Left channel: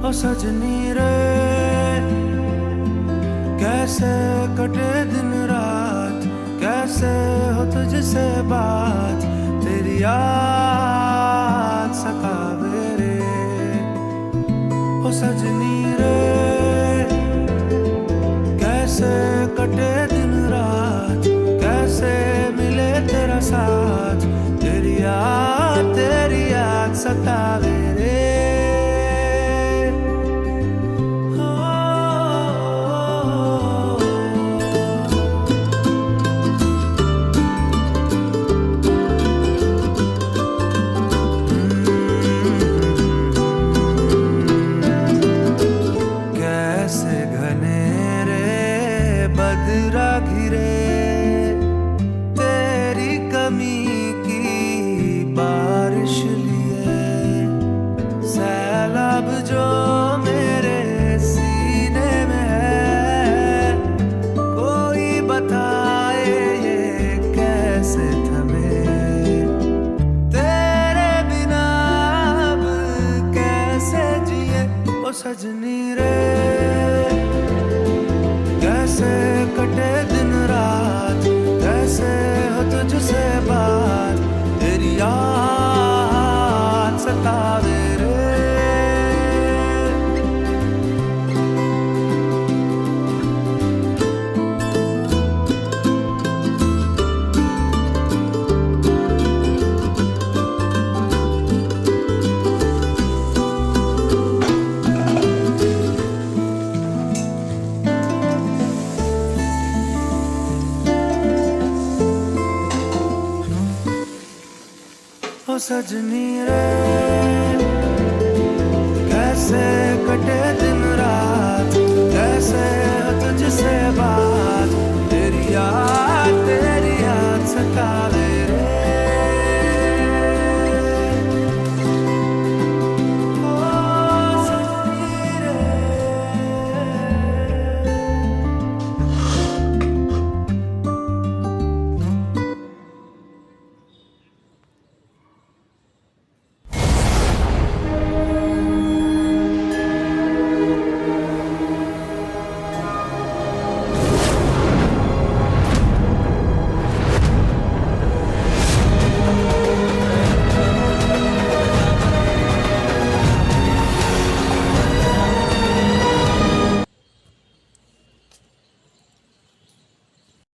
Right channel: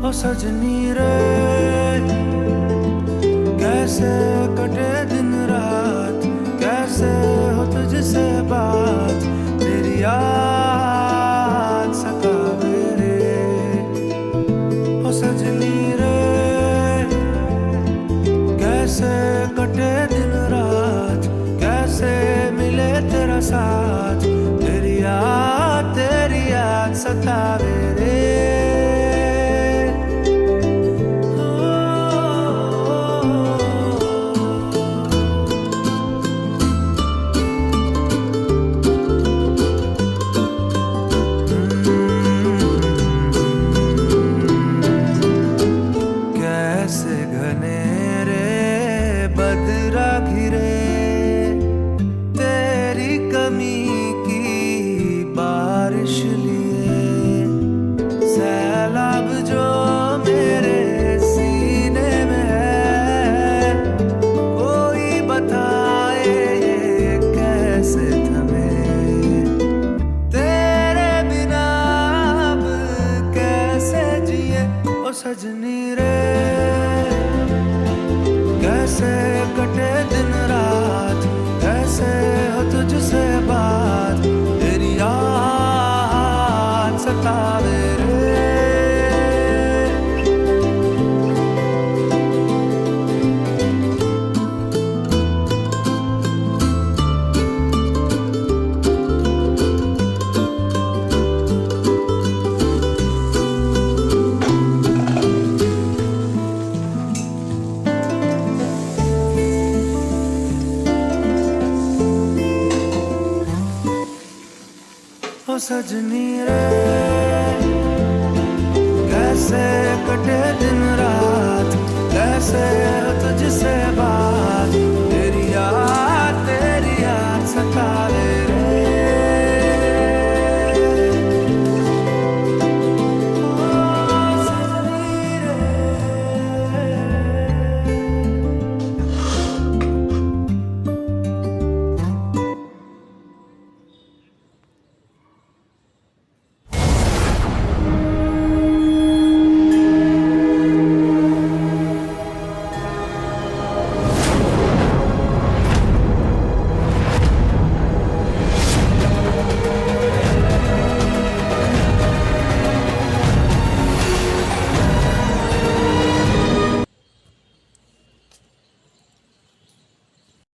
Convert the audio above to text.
ओ सजनी रे, कैसे कटे दिन रात, कैसे हो तुझसे बात, तेरी याद सतावे रे। ओ सजनी रे, कैसे कटे दिन रात, कैसे मिले तेरा साथ, तेरी याद सतावे रे। कैसे घनेरे बदरा घिरे, तेरी कमी की बारिश लिए, सैलाब जो मेरे सीने में है, कोई बताए ये कैसे थमे, तेरे बिना अब कैसे जिए। ओ सजनी रे, कैसे कटे दिन रात, कैसे हो तुझसे बात, तेरी याद सतावे रे। ओ सजनी रे, कैसे कटे दिन रात, कैसे हो तुझसे बात, तेरी याद सतावे रे।